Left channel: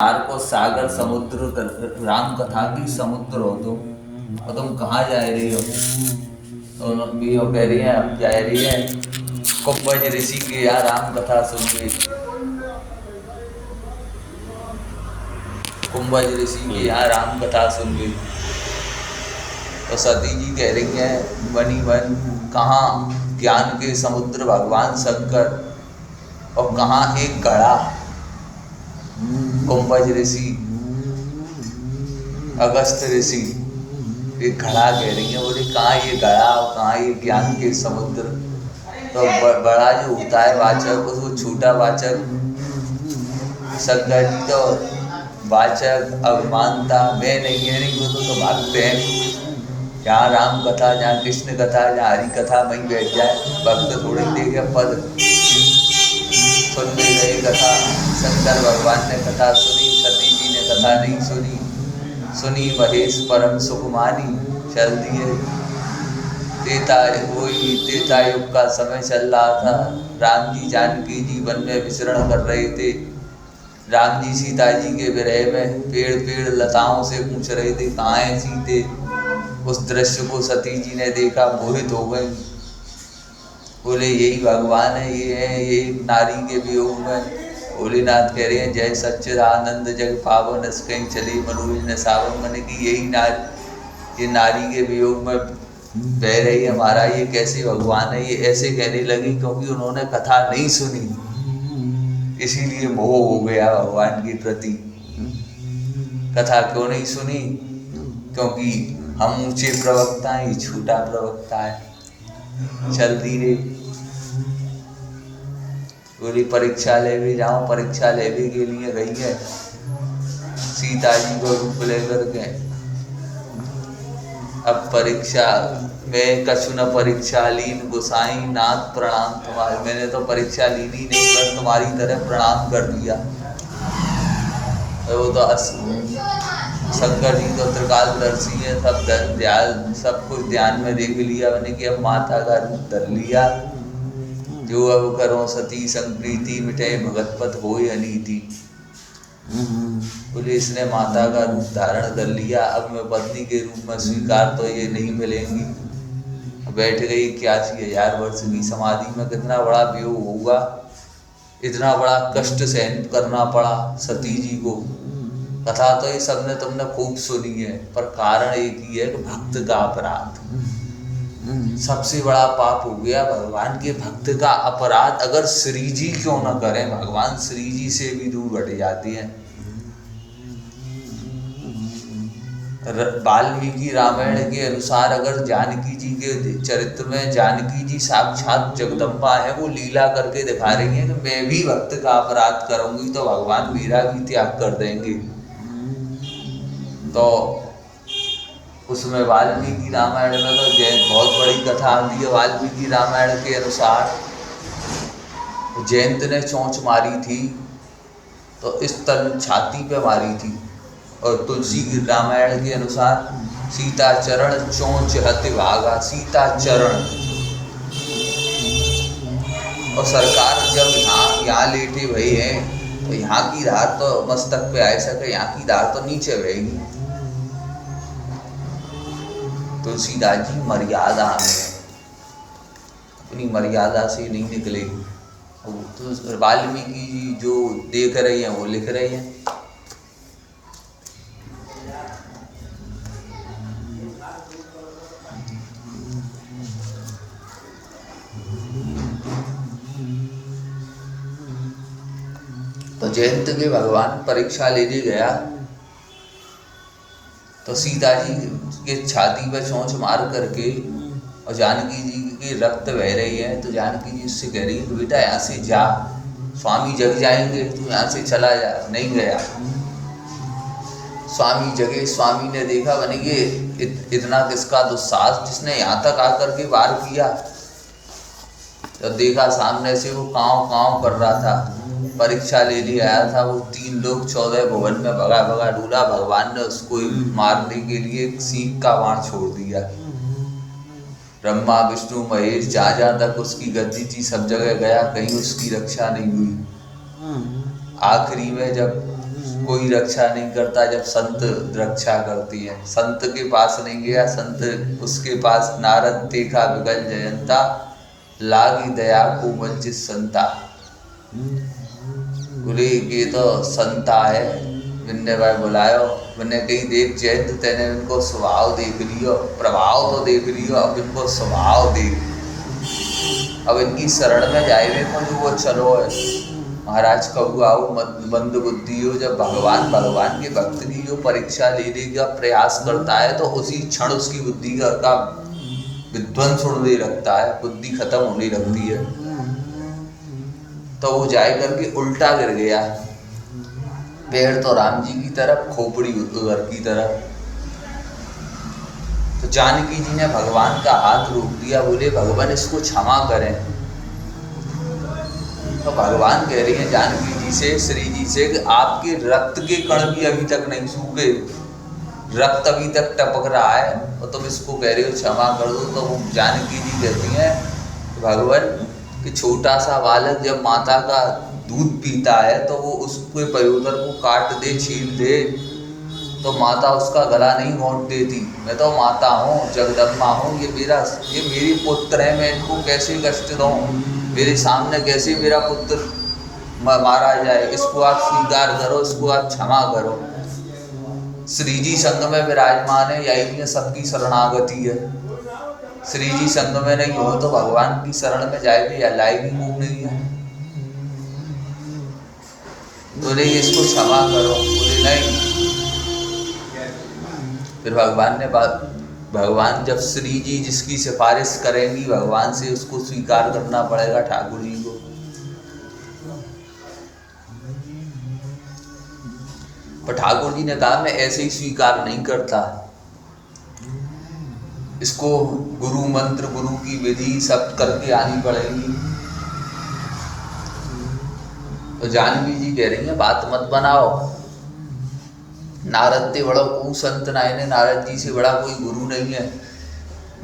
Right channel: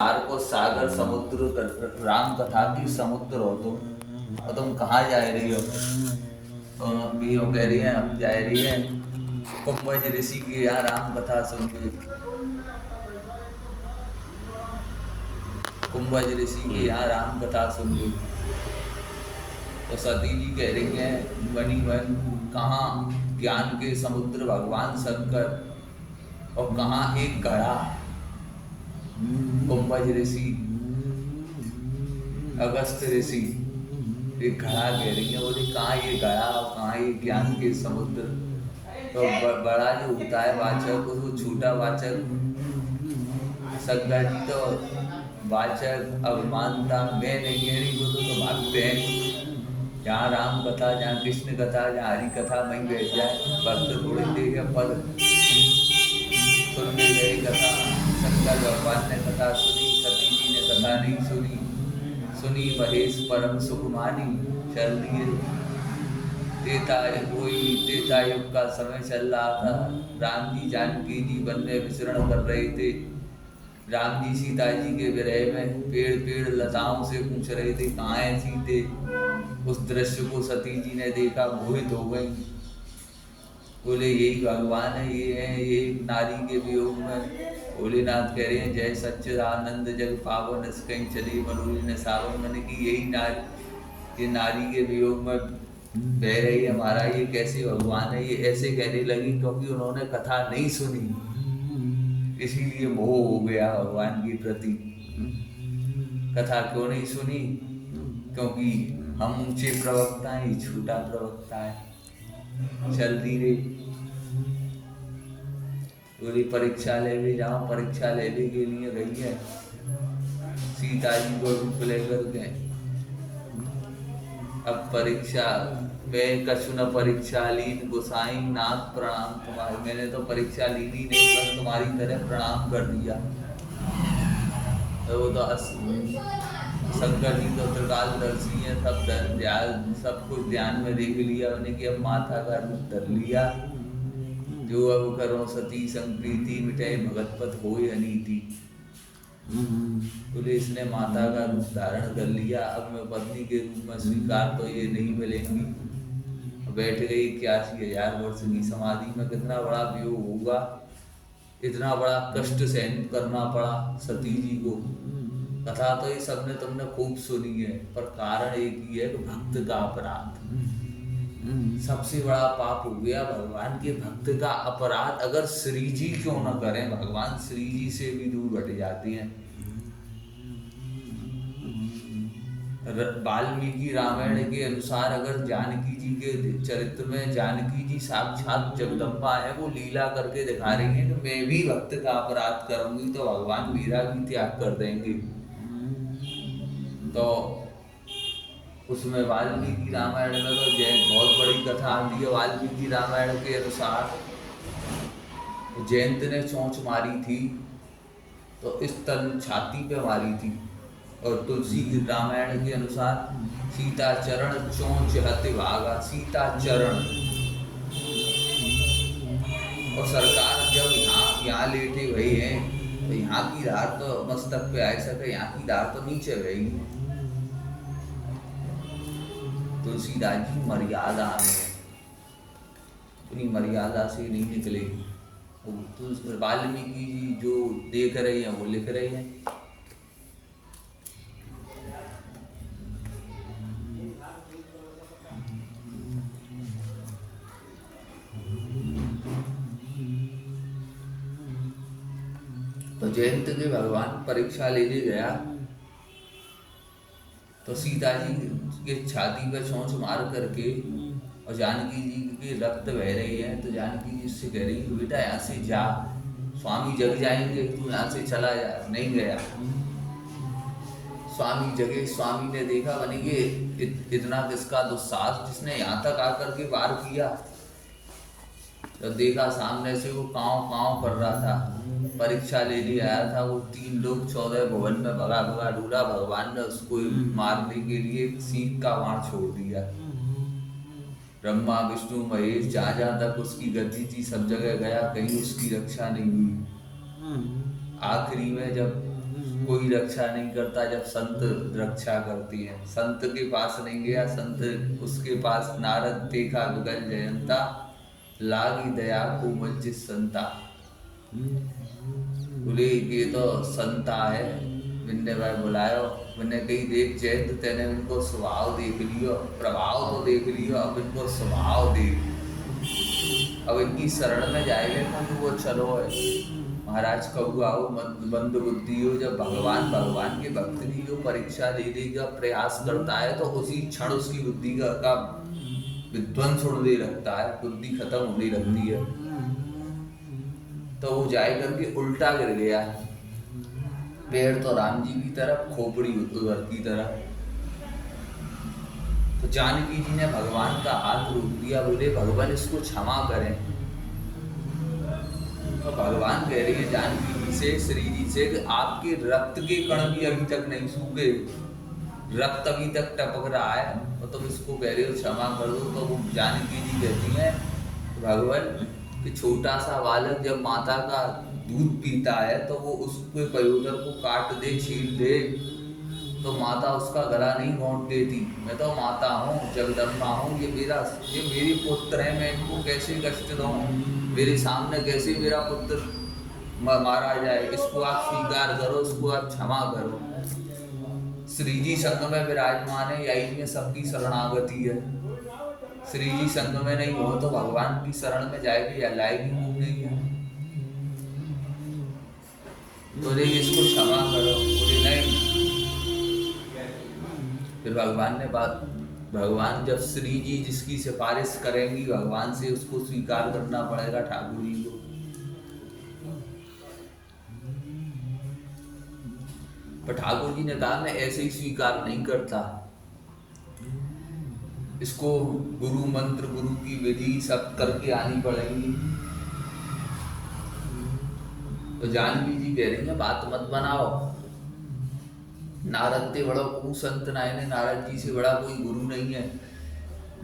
तार को सागर समुद्र राम कथा की समुद्र हो तुम, और तुम कहाँ जा रही हो? तो भी वो कह रही है हम जा रही है कुंभज ऋषि के यहाँ राम कथा सुन के। कुंभज ऋषि के यहाँ राम कथा सुन के तो सती जी कह रही है बनी बन कहाँ ज्ञान के समुद्र भगवान शंकर, और कहाँ एक घड़ा कुंभज ऋषि अगस्त ऋषि। एक घड़ा कह रही है, बोले कहाँ ये घड़ा और कहाँ ये ज्ञान के समुद्र। तो बड़ा जो होता है वाचक, उसको छोटा वाचक शंकर जी तो वाचक अभिमानता मैं नहीं है, नहीं वो तो भागते हैं। जहाँ राम कथा, जहाँ कृष्ण कथा, जहाँ हरि कथा वहीं बैठ जाए भक्त थोड़ी देखे पद सुनने गए कथा। शंकर भगवान ने कथा सुनी, सती जी ने कथा नहीं सुनी, सुनी महेश परम सुखमानी। चल दिए त्रेता युग का समय चल रहा था। राम जी जानकी जी वन में विचरण कर रहे थे। राम जी सीता जी के विरह में पेड़ पेड़ लताओं से पूछ रहे थे कहाँ है सीते। उस दृश्य को सती जी ने देखा, मोहित हो गई। बोले यही भगवान है, ये है, ये नारी के वियोग में। भोलेनाथ कह रहे हैं जय सच्चिदानंद जग पावन अस कहीं चले मनोज न सावन। मैंने कि यही नारी, ये नारी के वियोग में बह रही है महाराज, ये कैसे भगवान है? ये ऐसे कहने लगी क्योंकि उन्होंने कथा नहीं सुनी, इसीलिए मोह हो गया भगवान के प्रति। कथा क्यों नहीं सुनी? क्योंकि हम ऊंचे प्रवक्ता हैं, ये छोटा प्रवक्ता है। चल दी रे, बोली परीक्षा ले भी जाओ। परीक्षा लेने के लिए गई है सीता जी को रूप लेकर के। अब परीक्षा में कछु न परीक्षा लीन गोसाई नाथ प्रणाम तुम्हारे। मैंने तो परीक्षा लीनी नहीं, बस तुम्हारी तरह प्रणाम कर दिया। वो तो शंकर जी तो त्रिकालदर्शी है, सब कुछ ध्यान में देख लिया। मैंने कि अब माता का रूप धर लिया। जो अब करो सती संप्रीति मिटे भगत पथ होय अनीति। बोले इसने माता का रूप धारण कर लिया, अब मैं पत्नी के रूप में स्वीकार तो ये नहीं मिलेंगी। बैठ गई 81,000 वर्ष की समाधि में। कितना बड़ा वियोग होगा, इतना बड़ा कष्ट सहन करना पड़ा सती जी को। कथा तो ये सबने तुमने खूब सुनी है, पर कारण एक ही है कि भक्त का अपराध सबसे बड़ा पाप हो गया। भगवान के भक्त का अपराध अगर श्री जी क्यों न करें, भगवान श्री जी से भी दूर हट जाते हैं। वाल्मीकि रामायण के अनुसार अगर जानकी जी के चरित्र में जानकी जी साक्षात जगदम्बा है, वो लीला करके दिखा रही है कि मैं भी भक्त का अपराध करूंगी तो भगवान मेरा भी त्याग कर देंगे। तो उसमें वाल्मीकि रामायण में तो बहुत बड़ी कथा आती है। वाल्मीकि रामायण के अनुसार जयंत ने चोंच मारी थी तो इस तरह छाती पे मारी थी, और तुलसी की रामायण के अनुसार सीता चरण चोंच हति भागा। सीता चरण, और सरकार जब यहाँ लेटे हुए हैं तो यहाँ की धार तो मस्तक पे आ सके, यहाँ की धार तो नीचे बहेगी। तुलसीदास जी मर्यादा में, अपनी मर्यादा से नहीं निकलेगी। तो वाल्मीकि जी जो देख रहे हैं वो लिख रहे हैं। तो जयंत के भगवान परीक्षा लेने गया तो सीता जी के छाती पर चोंच मार करके, और जानकी जी की रक्त बह रही है, तो जानकी जी उससे कह रही है बेटा यहाँ से जा, स्वामी जग जाएंगे, तू यहाँ से चला जा। नहीं गया, स्वामी जगे। स्वामी ने देखा बने ये इतना किसका दुस्साहस, जिसने यहाँ तक आकर के वार किया। जब देखा सामने से वो काँव काँव कर रहा था, परीक्षा ले लिए आया था। वो 3 लोग 14 भुवन में भगा भगा ढूंढा। भगवान ने उसको मारने के लिए सीख का बाण छोड़ दिया। ब्रह्मा विष्णु महेश जहाँ जहाँ तक उसकी गद्दी थी सब जगह गया, कहीं उसकी रक्षा नहीं हुई। आखिरी में जब कोई रक्षा नहीं करता जब संत रक्षा करती है। संत के पास नहीं गया, संत उसके पास नारद देखा विगल जयंता, लागी दया को वंचित संता। बोले ये तो संता है, मैंने भाई बुलायो, मैंने कहीं देख जयंत तेने इनको स्वभाव देख लियो, प्रभाव तो देख लियो, अब इनको स्वभाव देख, अब इनकी शरण में जाए को वो चलो है। महाराज कबू आओ मंद बुद्धि हो, जब भगवान के भक्त की जो परीक्षा लेने का प्रयास करता है तो उसी क्षण उसकी बुद्धि का विध्वंस होने लगता है, बुद्धि खत्म होने लगती है। तो वो जाए करके उल्टा गिर गया, पैर तो राम जी की तरफ, खोपड़ी उधर की तरफ। तो जानकी जी ने भगवान का हाथ रोक दिया, बोले भगवान इसको क्षमा करें। तो भगवान कह रही हैं जानकी जी से, श्री जी से कि आपके रक्त के कण भी अभी तक नहीं सूखे, रक्त अभी तक टपक रहा है और तुम इसको कह रहे हो क्षमा कर दो। तो जानकी जी कहती हैं भगवान कि छोटा सा बालक जब माता का दूध पीता है तो वो उसके पयोदर को काट दे, छील दे, तो माता उसका गला नहीं घोंट देती। मैं तो माता हूँ, जगदम्बा हूँ, ये मेरी पुत्र है, मैं इनको कैसे कष्ट दूँ, मेरे सामने कैसे मेरा पुत्र मारा जाए, इसको आप स्वीकार करो, इसको आप क्षमा करो। श्री जी संग में विराजमान है, यही में सबकी शरणागति है। श्री जी संग में नहीं हो तो भगवान की शरण में जाएगी या लाएगी मुँह नहीं है। बोले इसको क्षमा करो, बोले नहीं। फिर भगवान जब श्री जी जिसकी सिफारिश करेंगी भगवान से, उसको स्वीकार करना पड़ेगा ठाकुर जी को। पर ठाकुर जी ने कहा मैं ऐसे ही स्वीकार नहीं करता, इसको गुरु मंत्र, गुरु की विधि सब करके आनी पड़ेगी। तो जानकी जी कह रही है बात मत बनाओ, नारद ते बड़ा को संत नायने, नारद जी से बड़ा कोई गुरु नहीं है।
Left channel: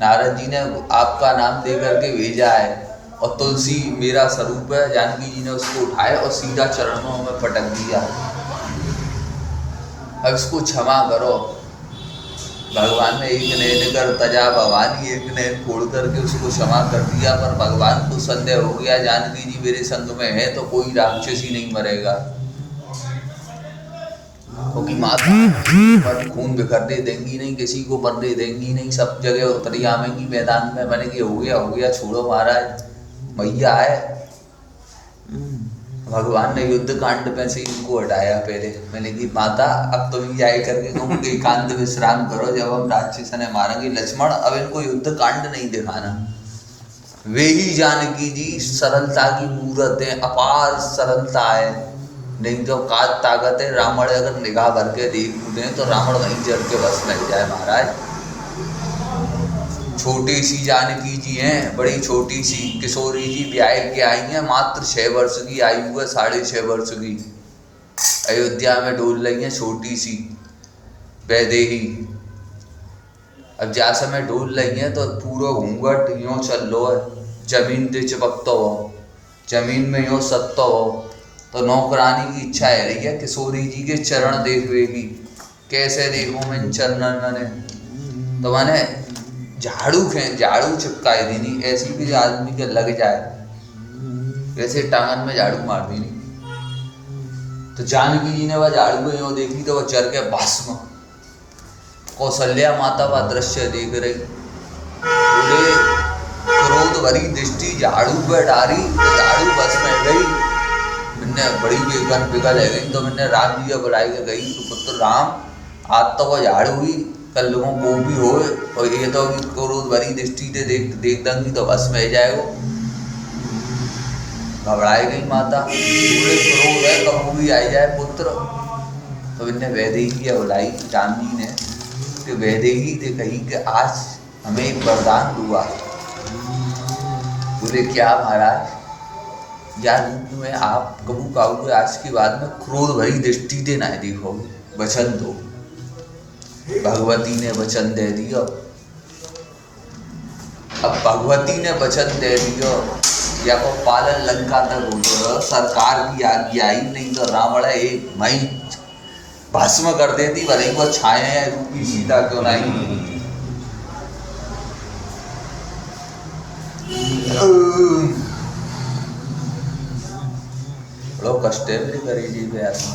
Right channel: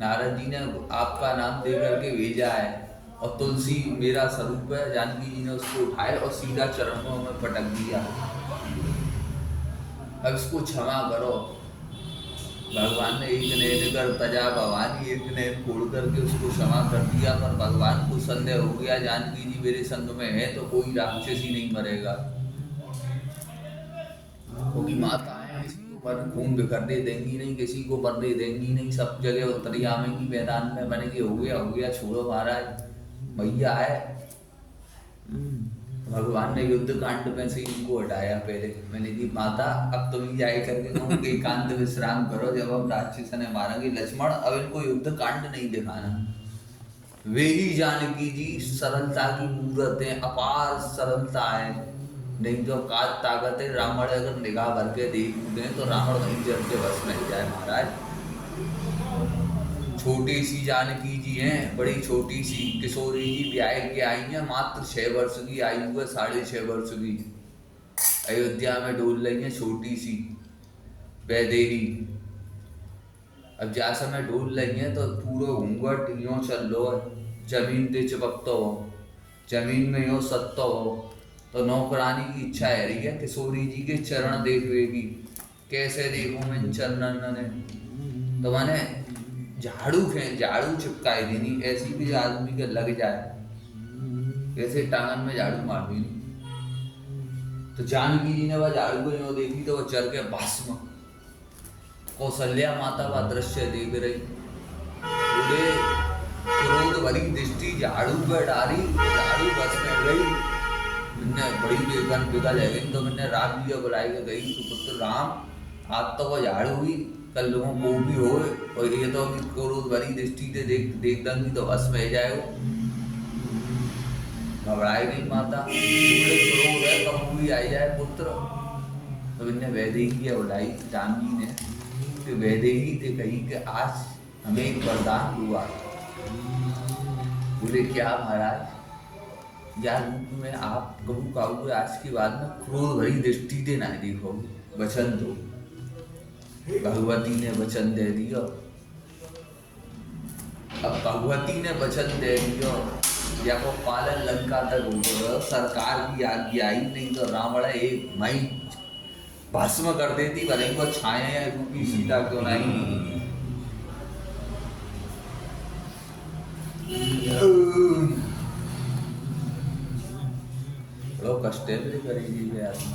नारद जी ने आपका नाम दे करके भेजा है और तुलसी मेरा स्वरूप है। जानकी जी ने उसको उठाया और सीधा चरणों में पटक दिया, अब इसको क्षमा करो। भगवान ने एक नैन कर तजा भवानी, एक नैन फोड़ करके उसको क्षमा कर दिया। पर भगवान को संदेह हो गया जानकी जी मेरे संग में है तो कोई राक्षस ही नहीं मरेगा, क्योंकि माता खून बिखर दे देंगी नहीं, किसी को मरने देंगी नहीं, सब जगह उतरी आवेंगी मैदान में। मैंने कि हो गया छोड़ो महाराज, मैया है। भगवान ने युद्ध कांड में से इनको हटाया पहले। मैंने कि माता अब तुम ही जाए करके तुम एकांत विश्राम करो, जब हम राक्षस ने मारेंगे लक्ष्मण, अब इनको युद्ध कांड नहीं दिखाना। वे ही जानकी जी सरलता की मूर्त है, अपार सरलता है, नहीं तो काज ताकत है। रावण अगर निगाह भर के देख दें तो रावण वहीं जल के बस में जाए महाराज। छोटी सी जानकी जी हैं, बड़ी छोटी सी। किशोरी जी ब्याह के आई हैं, मात्र 6 वर्ष की आयु है, 6.5 वर्ष की। अयोध्या में डोल रही हैं छोटी सी वैदेही। अब जा समय डोल रही हैं तो पूरा घूंघट यूँ चल लो है, जमीन पे चिपकता हो, जमीन में यूँ सत्ता हो। तो नौकरानी की इच्छा है रही है किशोरी जी के चरण देखवेगी। कैसे देखूं मैं चरणन ने, तो मैंने झाड़ू चिपकाए देनी, ऐसी भी जो आदमी के लग जाए, वैसे टांगन में झाड़ू मार देनी। तो जानकी जी ने वह झाड़ू को यूँ देखी तो वह चर के भस्म। कौशल्या माता वह दृश्य देख रही, बोले क्रोध भरी दृष्टि झाड़ू पर डारी, तो झाड़ू भस्म में गई। मैंने बड़ी बेगन पिघल है गई, तो मैंने राम जी बुलाई के गई तो पुत्र राम आज तो वो झाड़ू हुई, कल लोगों को भी हो, और ये तो क्रोध भरी दृष्टि से देख देंगी तो बस में जाएगो। घबराई गई माता, पूरे क्रोध है कभी भी आ जाए पुत्र। तो मैंने वैदेही बुलाई राम जी ने कि वैदेही से कही कि आज हमें एक वरदान हुआ। बोले क्या महाराज? या रूप में आप कबू काबू आज के बाद में क्रोध भरी दृष्टि दे ना देखोगे, वचन दो। भगवती ने वचन दे दिया। अब भगवती ने वचन दे दिया या को पालन लंका तक हो, सरकार की आज्ञा आई, नहीं तो रावण एक मई भस्म कर देती, भले ही वो छाया रूपी सीता क्यों नहीं। बड़ो कष्ट है करी जी पे आत्मा।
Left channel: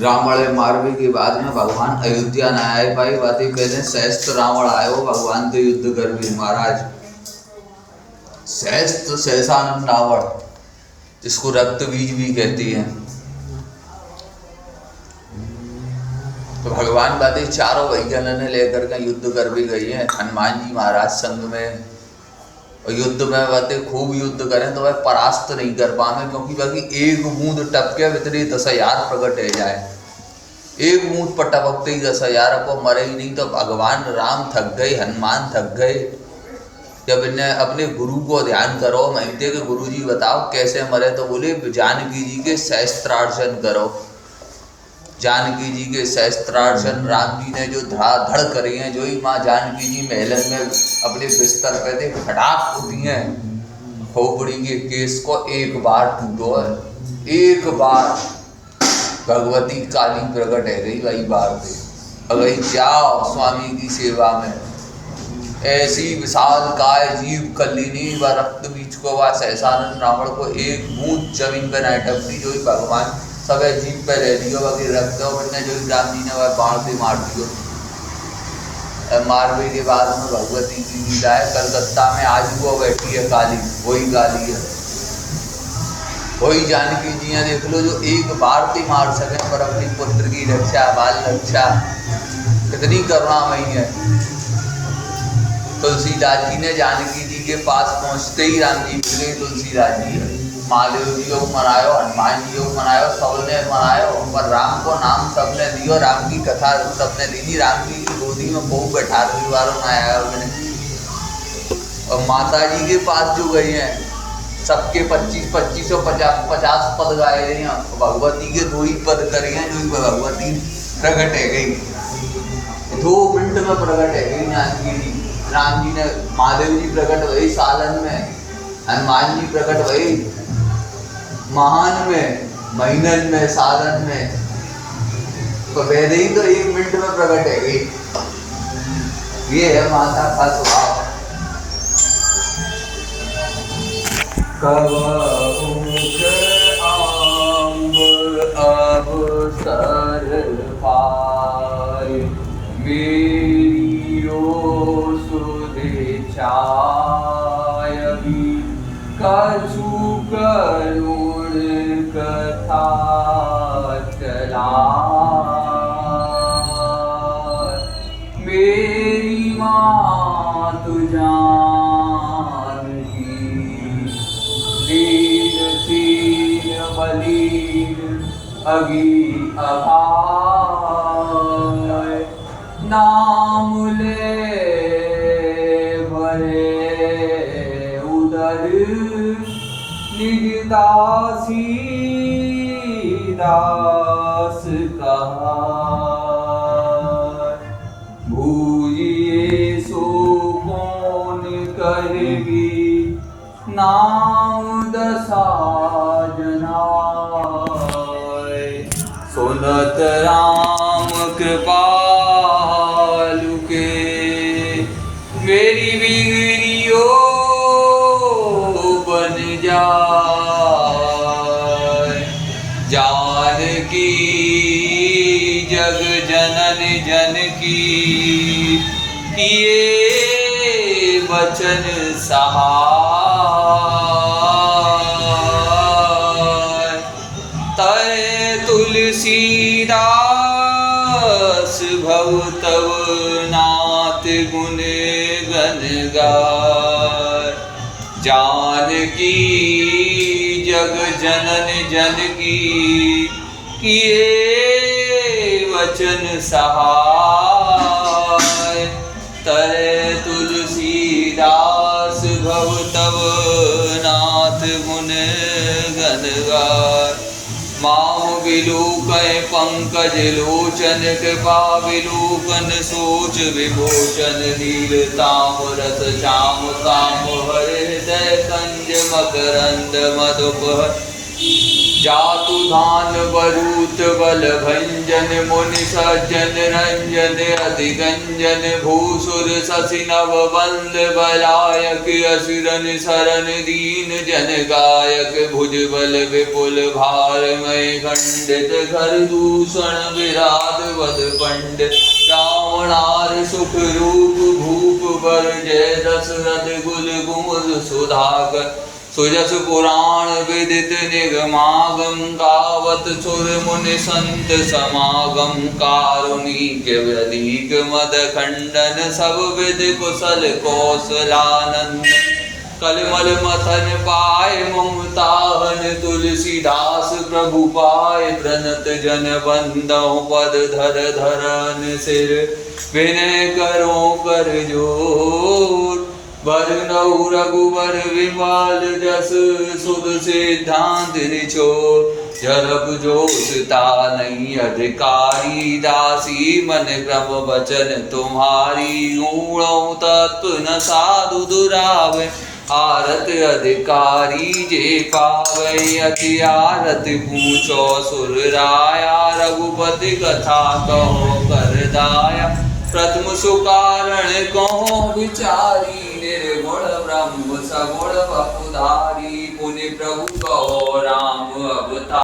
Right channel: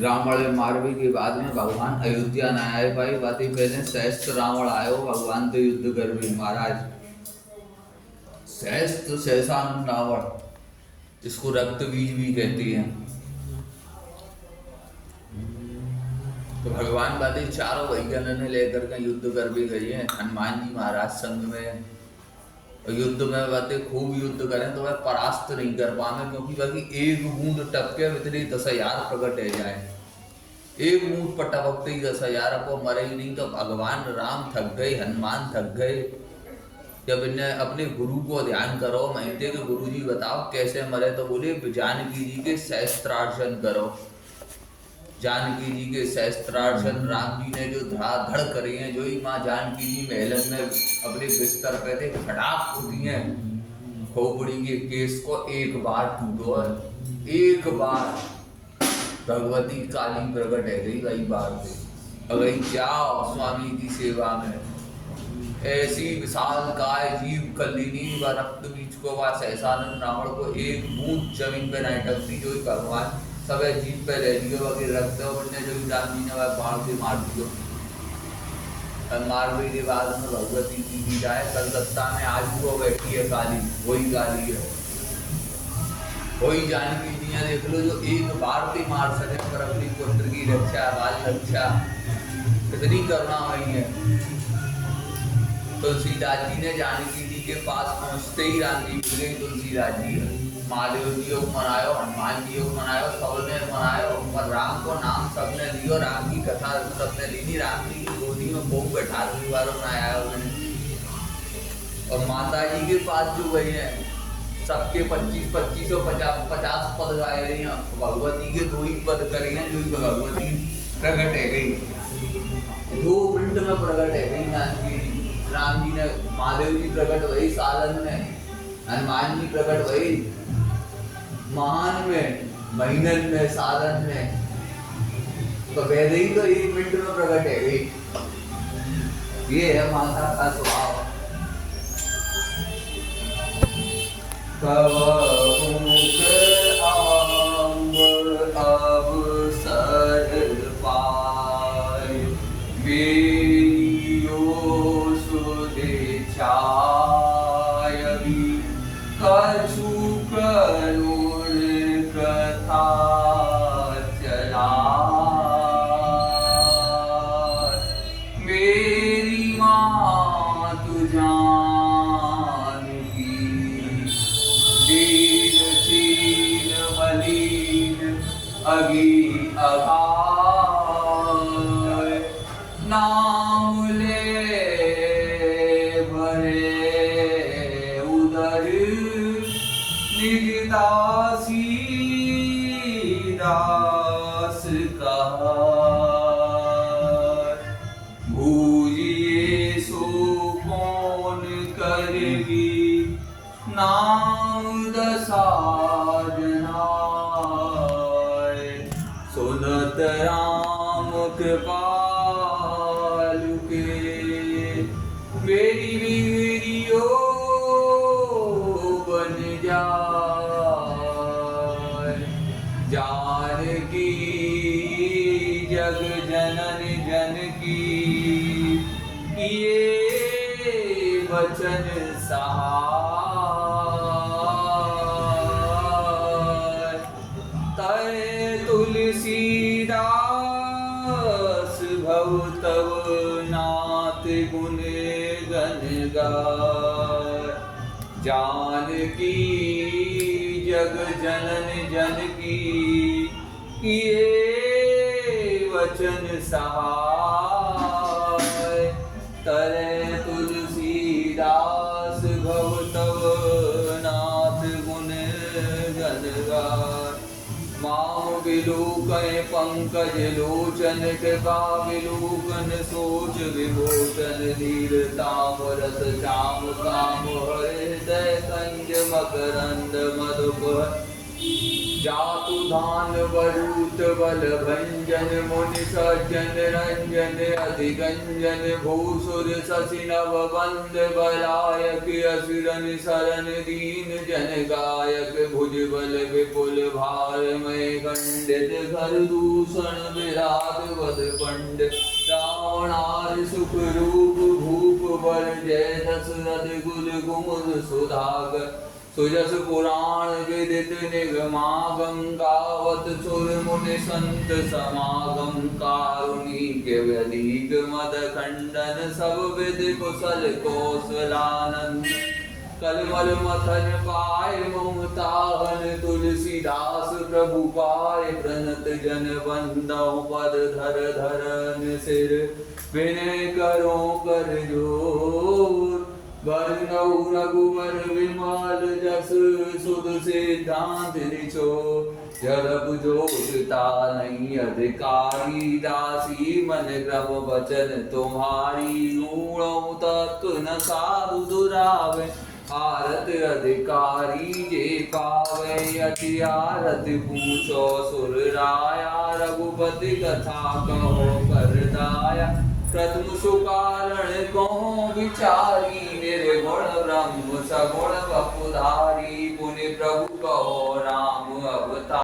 रावण मारवे के बाद में भगवान अयोध्या न आए पाई बातें पहले सहस्त्र रावण आयो भगवान से युद्ध कर भी महाराज। सहस्त्र सहसानंद रावण, जिसको रक्त बीज भी कहती है। तो भगवान बातें चारों वैज्ञान ने लेकर के युद्ध कर भी गई है हनुमान जी महाराज संग में। और युद्ध में बातें खूब युद्ध करें तो वह परास्त नहीं कर पाए, क्योंकि बाकी एक बूंद टपके भीतरी 10,000 प्रकट हो जाए। एक बूंद पर टपकते ही 10,000 को मरे ही नहीं। तो भगवान राम थक गए, हनुमान थक गए। जब इन्हें अपने गुरु को ध्यान करो, महीते के गुरु जी बताओ कैसे मरे, तो बोले जानकी जी के सहस्त्रार्चन करो। जानकी जी के सहस्त्रार्चन राम जी ने जो धड़ करी हैं, जो ही माँ जानकी जी महलन में अपने बिस्तर पे थे फटाक उठी हैं। खोपड़ी के केस को एक बार टूटो है, एक बार भगवती काली प्रकट है गई वही बार पे। अगई जाओ स्वामी की सेवा में। ऐसी विशाल काय जीव कलिनी व रक्त बीच को व सहसानंद रावण को एक बूंद जमीन पे नहीं टपती, जो ही भगवान सब जीप पे ले लियो बाकी रखते हो बने, जो राम जी ने वह बाण से मार दियो। मारवे के बाद में भगवती की लीला है। कलकत्ता में आज वो बैठी है काली, वही काली है, वही जानकी जी है। देख लो जो एक बार से मार सके पर अपनी पुत्र की रक्षा, बाल रक्षा कितनी करुणामयी है। तुलसीदास जी ने जानकी जी के पास पहुंचते ही राम जी मिल गए। तुलसीदास जी है महादेव जी को मनायो, हनुमान जी को मनायो, सबने मनायो, पर राम को नाम सबने लियो। राम की कथा सबने ली। राम जी की गोदी में बहु बैठा रही वालों में आया मैंने। और माता जी के पास जो गई हैं सबके 25 और 50 पद गाए रही हैं। भगवती के 2 ही पद करे हैं, जो भगवती प्रकट है गई 2 मिनट में प्रकट है गई जानकी जी। राम जी ने महादेव जी प्रकट हुए सालन में, हनुमान जी प्रकट हुए महान में, महीनन में, सालन में। तो वैसे ही तो 1 मिनट में प्रकट है गई। ये है माता का स्वभाव। कवमुख आंब अवसर पाए, मेरियो सुधे छायगी, कछु करुण कथा चला। मेरी मातु जानकी, दीन दीन मलिन अगी अहाय, नाम ले भरे उदर, निज दासी दास कहा। भूजिए सो कौन करबी, नाम दसाजना। सुनत राम कृपालु के, मेरी बिगड़ियो बन जाए। जानकी जग जनन जनकी, किए वचन सहाय। तय तुलसीदास भव तव नाथ गुण गन गाय। जानकी जग जनन जनकी, किए वचन सहाय। तय तुलसीदास भव तव नाथ गुण गन गाय। माँ बिलु कै पंकज पंकज लोचन कृपा विलोकन सोच विमोचन नील ताम्रस श्याम काम हर हृदय कंज मकरंद मधुप जातु धान बरूत बल भंजन मुनि सज्जन रंजन अधिगंजन भूसुर शशि नव बंद बलायक असुरन शरण दीन जन गायक भुज बल विपुल भारमय खंडित घर दूषण विराट वद पंडित रावणार सुख रूप भूप बर जय दशरथ गुल गुमुल सुधाकर सुजस पुराण विदित निगमागम गावत सुर मुनि संत समागम कारुणिक व्यधिक मद खंडन सब विद कुशल कौशलानंद कलमल मथन पाय ममताहन तुलसीदास प्रभु पाय प्रणत जन बंदो पद धर धरन सिर विनय करो कर जोर वरनौ रघुवर विमल जस सुध सिद्धांत निचोर जरब जोशता नहीं अधिकारी दासी मन क्रम वचन तुम्हारी ऊणौ तत्व न साधु दुरावे आरत अधिकारी जे पावे अति आरत पूछो सुर राया रघुपति कथा कहो कर दाया प्रथम सुकारण कहो विचारी निर्गुण ब्रह्म सगुण बपुधारी पुनि प्रभु कहो राम अवतार।